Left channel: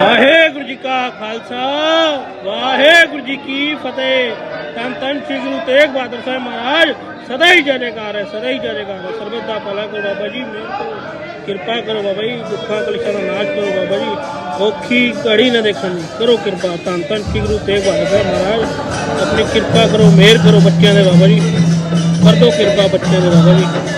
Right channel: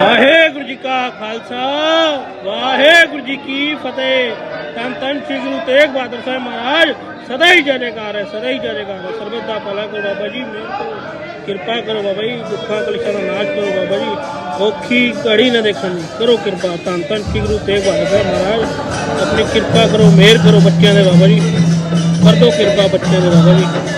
ਵਾਹਿਗੁਰੂ ਜੀ ਕਾ ਖਾਲਸਾ, ਵਾਹਿਗੁਰੂ ਜੀ ਕੀ ਫਤਿਹ। ਤਨ ਤਨ ਸ੍ਰੀ ਗੁਰੂ ਤੇਗ ਬਹਾਦਰ ਸਾਹਿਬ ਮਹਾਰਾਜ, ਸਦਾ ਹੀ ਜੈ ਹੈ, ਸਦਾ ਹੀ ਜੈ ਹੈ। ਸਰਬਤ ਦਾ ਭਲਾ ਕਰੋ ਬਾਬਾ ਜੀ, ਮਿਹਰ ਕਰੋ, ਕਿਰਪਾ ਕਰੋ ਬਾਬਾ ਜੀ, ਦੁੱਖਾਂ ਕਲੇਸ਼ਾਂ ਦਾ ਨਾਸ਼ ਕਰੋ ਬਾਬਾ ਜੀ। ਔਖੀ ਘੜੀ ਨਾ ਦੇਖਣ ਦੀ, ਕਰੋ ਕਿਰਪਾ। ਤਨ ਤਨ ਸ੍ਰੀ ਗੁਰੂ ਤੇਗ ਬਹਾਦਰ ਸਾਹਿਬ ਮਹਾਰਾਜ, ਆਪਣੀ ਕਿਰਪਾ ਕਰੋ, ਮਿਹਰ ਕਰੋ ਬੱਚਿਆਂ ਦੇ ਬਾਬਾ ਜੀ। ਕਰ ਦੋ ਕਿਰਪਾ ਬੱਚਿਆਂ ਦੇ ਬਾਬਾ ਜੀ।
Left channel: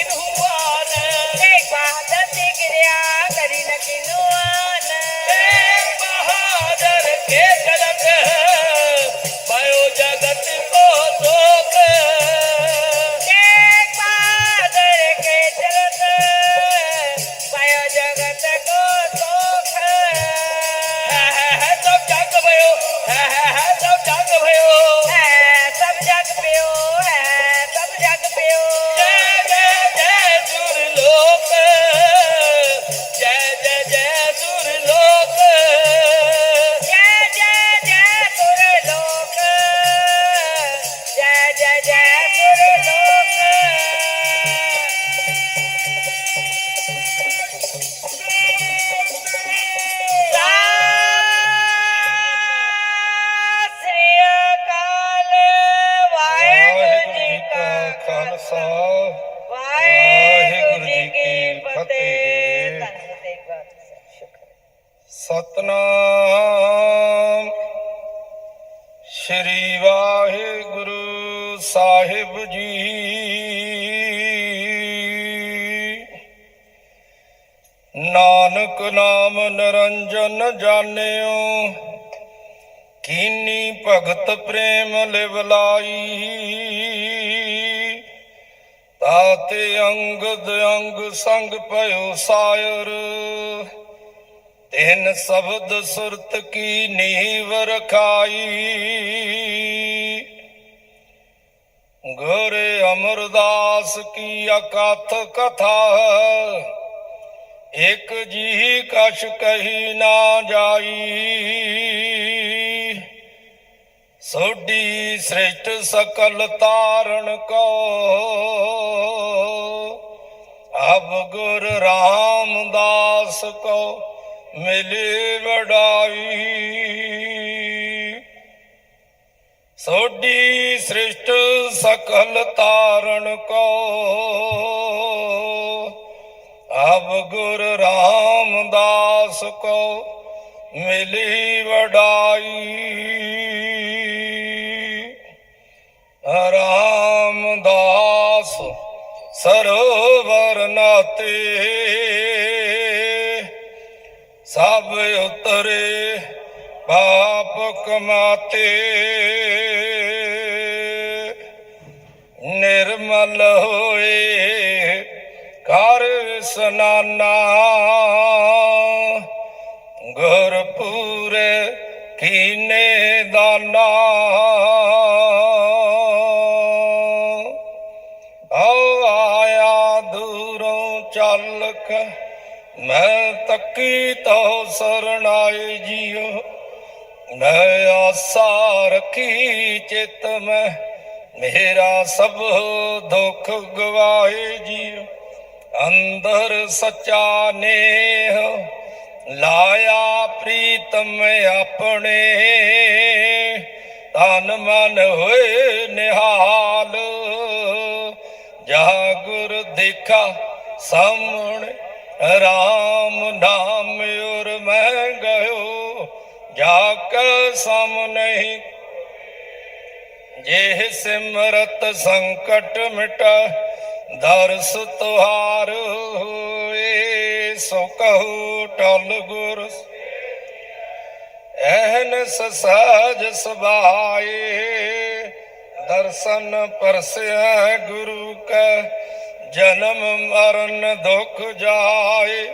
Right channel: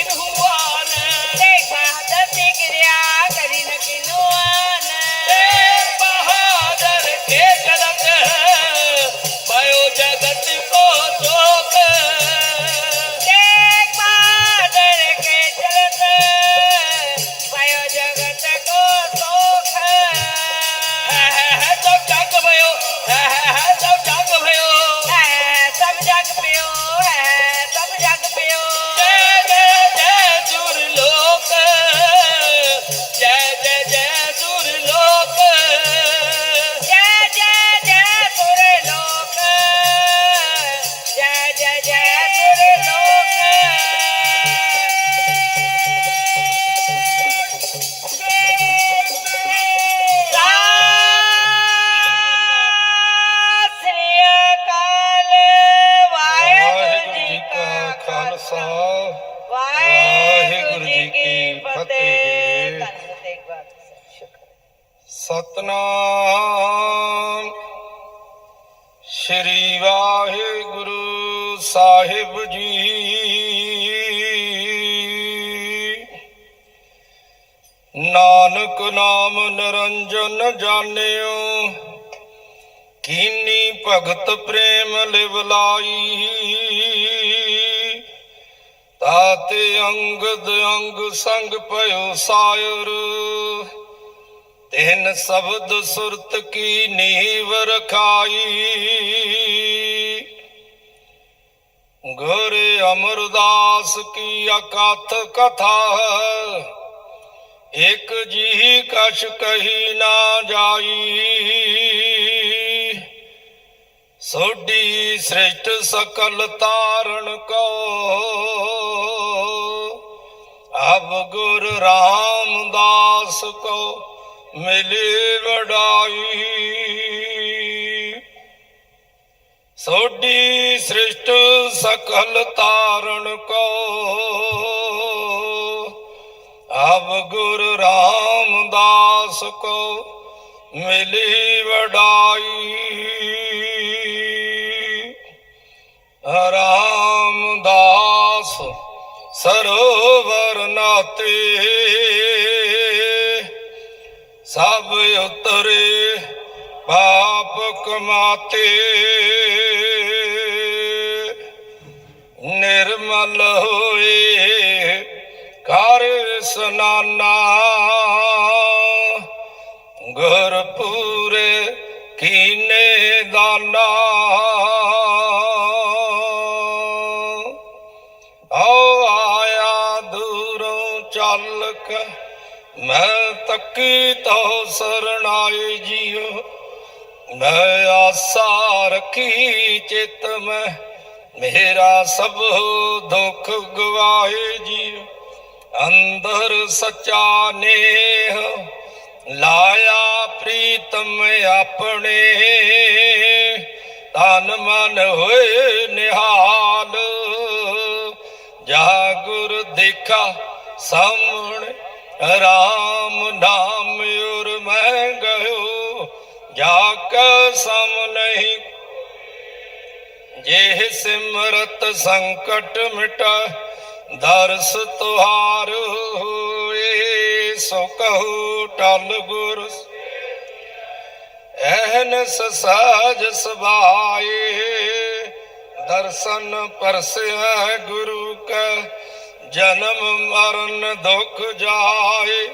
ಇದು ਨਾਨਕ ਨਾਮ ਨਿਰੰਜਨ ਜਾਣਿਓ। ਕੀਨੀ ਭਗਤ ਪ੍ਰੇਮ ਲਿਵਲਾਈ ਤਾਤੇ ਅੰਗਦ ਅੰਗ ਸੰਗ ਭਇਓ ਸਾਇਰ। ਤਿੰਨ ਸ਼ਬਦ ਸੁਰਤ ਕੀ ਨੀਵ ਰਖਾਈ। ਗੁਰ ਅਮਰਦਾਸ ਕੀ ਅਕਥ ਕਥਾ। ਇੱਕ ਜੀ ਕਛ ਕਹੀ ਨਾ ਜਾਈ। ਸੋਢੀ ਸ੍ਰਿਸ਼ਟ ਸਕਲ ਤਾਰਨ ਕੋ। ਅਬ ਗੁਰ ਰਾਮਦਾਸ ਕੋ ਮਿਲੇ ਵਡਾਈ। ਸੋਢੀ ਸ੍ਰਿਸ਼ਟ ਸਕਲ ਤਾਰਨ ਕੋ। ਅਬ ਗੁਰ ਰਾਮਦਾਸ ਕੋ ਮਿਲੀ ਵਡਾਈ। ਰਾਮਦਾਸ ਸਰੋਵਰ ਨਾਤੇ, ਸਭ ਉਤਰੇ ਪਾਪ ਕਮਾਤੇ। ਨਿਰਮਲ ਹੋਏ ਸਨਾਨਾ। ਘਰ ਪੂਰੇ ਕੀਨੇ ਦਾਨਾ। ਓ ਆਇਆ ਦੂਰੋਂ ਚੱਲ ਕੇ ਮੈਂ ਤੱਕੀ ਤੋ ਸਰਣਾਏ ਜੀਓ। ਮੈਂ ਆਸਾ ਰਖੀ ਚਿਤ ਮੈਂ, ਮੇਰਾ ਸਭ ਦੁੱਖ ਗਵਾਏ ਜੀਓ। ਅੰਦਰ ਸੱਚਾ ਨੇਹ ਲਾਇਆ ਪ੍ਰੀਤਮ ਆਪਣੇ। ਤਨ ਮਨ ਹੋਏ ਨਿਹਾਲ ਜਾ ਗੁਰ ਦੇਖਾ ਸਾਹਮਣੇ, ਰਾਮ ਨਾਮ ਉਰ ਮੈਂ ਗਇਓ, ਜਾ ਕੇ ਨਹੀਂ। ਜੇ ਸਿਮਰਤ ਸੰਕਟ ਮਿਟਾ ਦਰਸ ਤੁਹਾਰ ਹੋਏ, ਸੋ ਕਹੋ ਟਲ ਗੁਰ। ਐਨਸ ਸਹਜ ਸਬਾਏ ਦਰਸ਼ਨ ਪਰਸਿਆ ਗੁਰੂ ਕਾ, ਜਨਮ ਮਰਨ ਦੁਖ ਜਾਏ।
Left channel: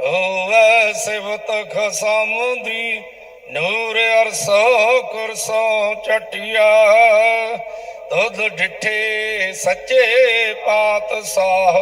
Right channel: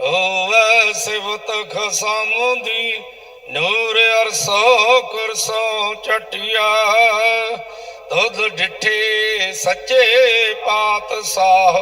ਹੋਵੇ ਸਿਵਤ ਖਸਮੁਦੀ, ਨੂਰ ਅਰਸੋ ਕੁਰਸੋ ਚਟਿਆ। ਤੁਧ ਡਿਠੇ ਸੱਚੇ ਪਾਤਸ਼ਾਹ,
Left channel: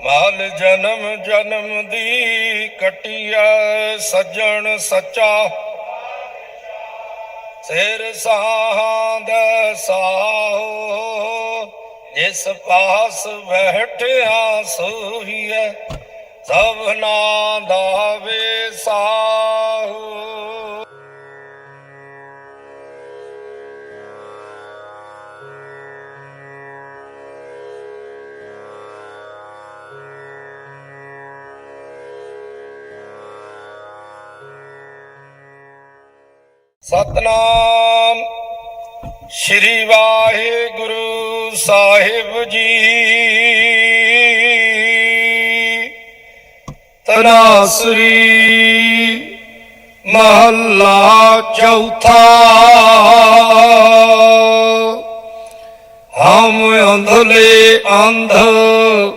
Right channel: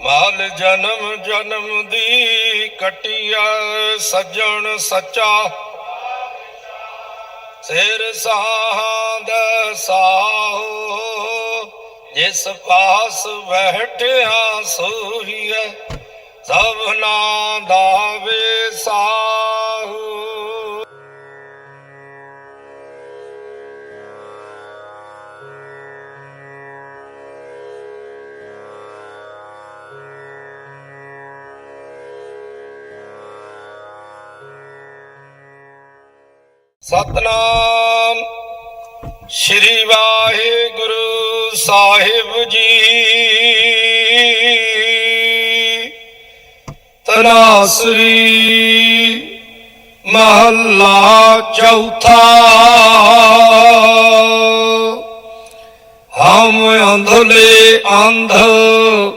ਮਾਲ ਜਨਮ ਜਨਮ ਦੀ ਕਟਿਆ ਸੱਜਣ ਸੱਚਾ। ਸਿਰ ਸਾਹੰਦ ਸਾਹੋ, ਜਿਸ ਪਾਸ ਬੈਠਿਆ ਸੋਹੀਐ ਸਭਨਾ ਦਾ ਵਿਸਾਹੂ ਸਤਨਾਮ। ਸ਼੍ਰੀ ਵਾਹਿਗੁਰੂ ਸਾਹਿਬ ਜੀ। ਤਨਾਸਰੀ ਮਹੱਲਾ ਚੌਥਾ। ਹਮ ਅੰਧਲੇ ਅੰਧ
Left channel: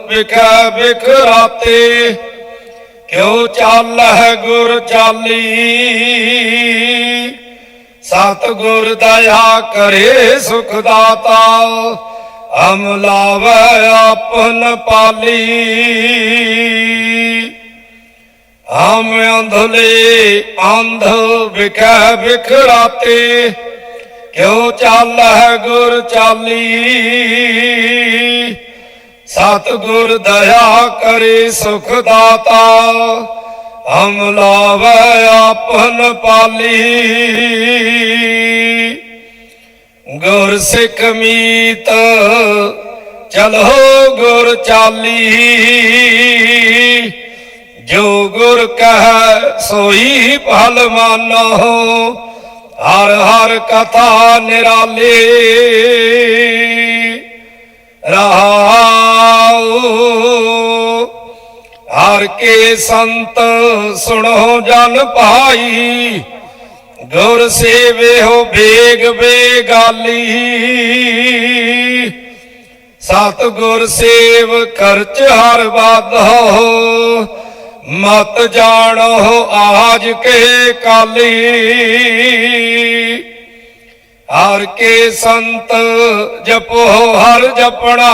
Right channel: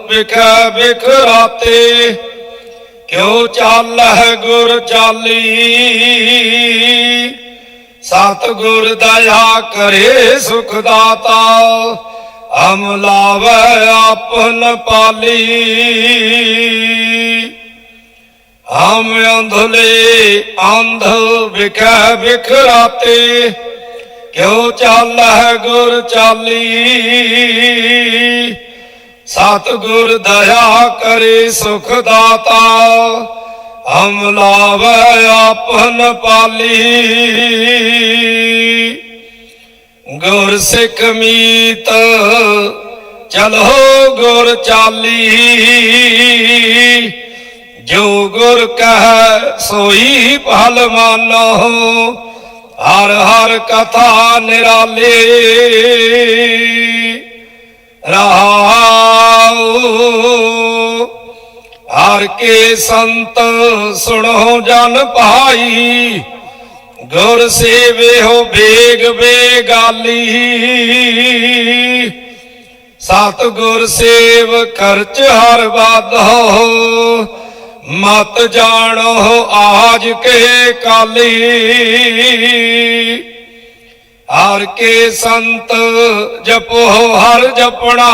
ਵਿਖੇ ਵਿਖਰਾਤੇ ਕਿਉ ਚਾਲਹਿ ਗੁਰ ਚਾਲੀ? ਸਤਿਗੁਰ ਦਇਆ ਕਰੇ ਸੁਖ ਦਾਤਾ, ਹਮ ਲਾਵੇ ਆਪਨ ਪਾਲੀ। ਹਮ ਅੰਧਲੇ ਅੰਧ ਵਿਖੇ ਵਿਖਰਾਤੇ ਕਿਉ ਚਾਲਹਿ ਗੁਰ ਚਾਲੀ? ਸਤਿਗੁਰ ਦਇਆ ਕਰੇ ਸੁਖ ਦਾਤਾ ਹਮ ਲਾਵੇ ਆਪਨ ਪਾਲੀ। ਗੁਰ ਸਿੱਖ ਮੀਤ, ਚਲੋ ਗੁਰ ਚਾਲੀ। ਜੋ ਗੁਰ ਕਹੈ ਸੋਈ ਭਲ ਮਾਨੋ, ਹਰ ਹਰ ਕਥਾ ਨਿਰਾਲੇ। ਰਹਾਉ ਹਰ ਕੇ ਸੰਤ ਸੁਣੋ ਜਨ ਭਾਈ, ਗੁਰ ਸੇਵਿਓ ਬੇਗ ਬੇਗਾਲੀ। ਸਤ ਗੁਰ ਸੇਵ ਕਰਚ ਹਰ ਬਾਧੋ ਮਤ ਜਾਣੋ ਆਜ ਕੇ ਕਾਲੀ। ਹਰ ਕੇ ਸੰਤ ਜਪੋ ਹਰ ਜਪਣਾ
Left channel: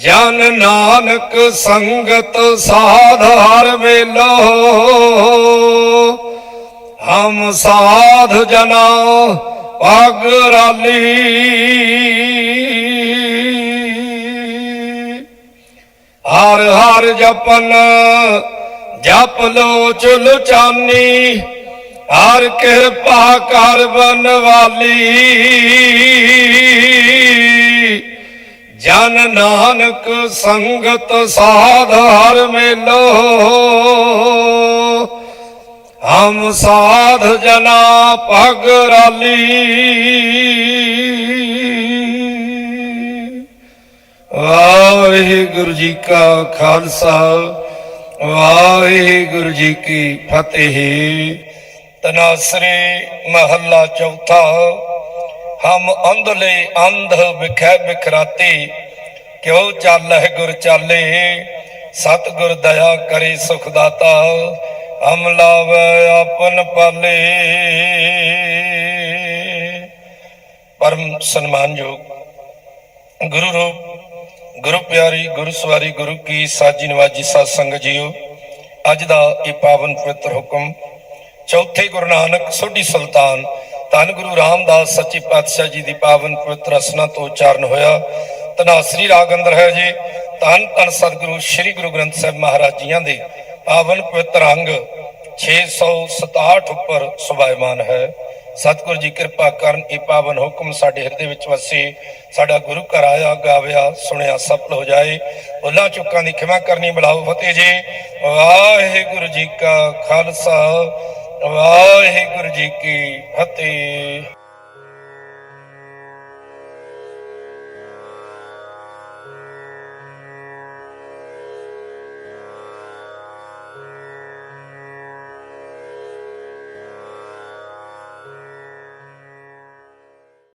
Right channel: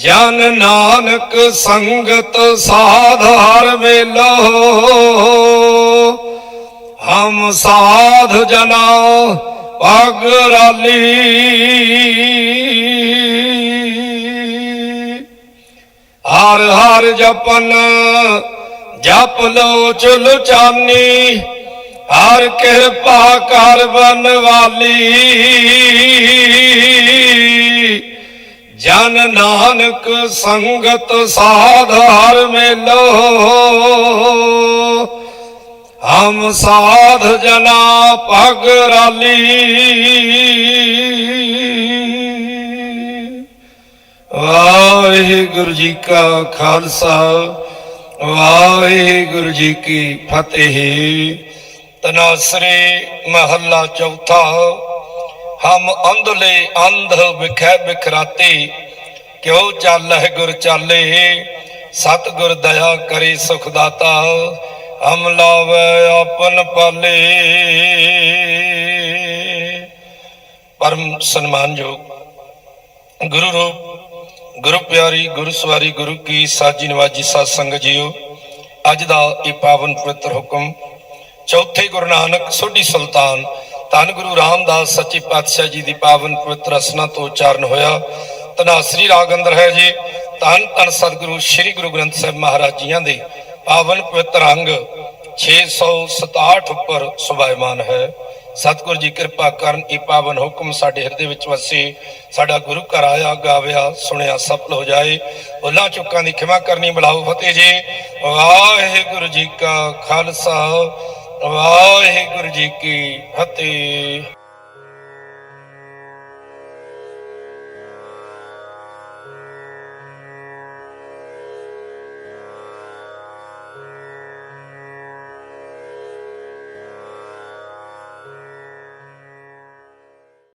ਜਨ ਨਾਨਕ ਸੰਗਤ ਸਾਧ ਹਰ ਵੇਲੋ ਹਮ ਸਾਧ ਜਨਾ ਪਗ ਰਾਲੀ। ਹਰ ਹਰ ਜਪਨ ਜਪ ਲਓ ਚੁਲ ਚਾਨੀ, ਹਰ ਕਿਰਪਾ ਕਰ ਬਨਵਾਲੀ। ਜਨ ਨਾਨਕ ਸੰਗਤ ਸਾਧ ਹਰ ਮੇਲੋ। ਹਮ ਸਾਧ ਜਨਾ ਪਗ ਰਾਲੀ। ਵਾਹਿਗੁਰੂ ਜੀ ਕਾ ਖਾਲਸਾ, ਵਾਹਿਗੁਰੂ ਜੀ ਕੀ ਫਤਿਹ। ਤਨਾਸਰੀ ਮਹੱਲਾ ਚੌਥਾ ਹਮ ਅੰਧਲੇ ਅੰਧ ਵਿਖੈ ਬਿਖਰਾਤੇ, ਕਿਉ ਚਾਲਹਿ ਗੁਰ ਚਾਲੇ? ਸਤ ਗੁਰ ਦਇਆ ਕਰੇ ਸੁਖ ਦਾਤਾ ਹਮ ਲਾਵੇ ਆਪਨ ਪਾਲੇ। ਪਰਮ ਸਨਮਾਨਯੋਗ ਗੁਰੂ ਰੂਪ, ਗੁਰੂ ਪਿਆਰੀ, ਗੁਰੂ ਸਵਾਰੀ, ਗੁਰੂ ਕੀ ਸਾਜੀ ਨਵਾਜੀ ਸਾਧ ਸੰਗਤ ਜੀਓ, ਅੱਜ ਦਾ ਇਹ ਪਾਵਨ ਪਵਿੱਤਰ ਹੁਕਮ, ਚੌਥੇ ਗੁਰੂ ਨਾਨਕ ਸੋਢੀ ਸੁਲਤਾਨ ਧੰਨ ਗੁਰੂ ਰਾਮਦਾਸ ਸੱਚੇ ਪਾਤਸ਼ਾਹ ਜੀ ਦੀ ਪਾਵਨ ਪਵਿੱਤਰ ਅਸਨਾ ਤੋਂ ਉਚਾਰਨ ਹੋਇਆ। ਤਨਾਸਰੀ ਰਾਗ ਅੰਦਰ ਹੈ ਜੀ। ਧੰਨ ਧੰਨ ਸਤਿਗੁਰੂ ਸ੍ਰੀ ਗੁਰੂ ਗ੍ਰੰਥ ਸਾਹਿਬ ਮਹਾਰਾਜ ਜੀਆਂ ਦੇ ਪਾਵਨ ਪਵਿੱਤਰ ਅੰਗ 667 ਉੱਪਰ ਸੁਭਾਇਮਾਨ ਹੈ। ਸਤਿਗੁਰੂ ਜੀ ਕਿਰਪਾ ਕਰਨ ਇਹ ਪਾਵਨ ਹੁਕਮ ਸਾਡੇ ਹਿਰਦੇ ਵਿੱਚ ਵਸੇ। ਸਾਡਾ ਗੁਰੂ ਘਰ ਆਇਆ, ਗਾਵਿਆ, ਸੁਣਿਆ, ਸਫਲ ਹੋ ਜਾਏ। ਉਹਨਾਂ ਚੁੱਕਾਂ ਦੀ ਖਿਮਾ ਕਰਨੀ, ਬੁਲਾਓ ਫਤਿਹ ਜੀ। ਵਾਹਿਗੁਰੂ ਜੀ ਕਾ ਖਾਲਸਾ। ਵਾਹਿਗੁਰੂ ਜੀ ਕੀ ਫਤਿਹ।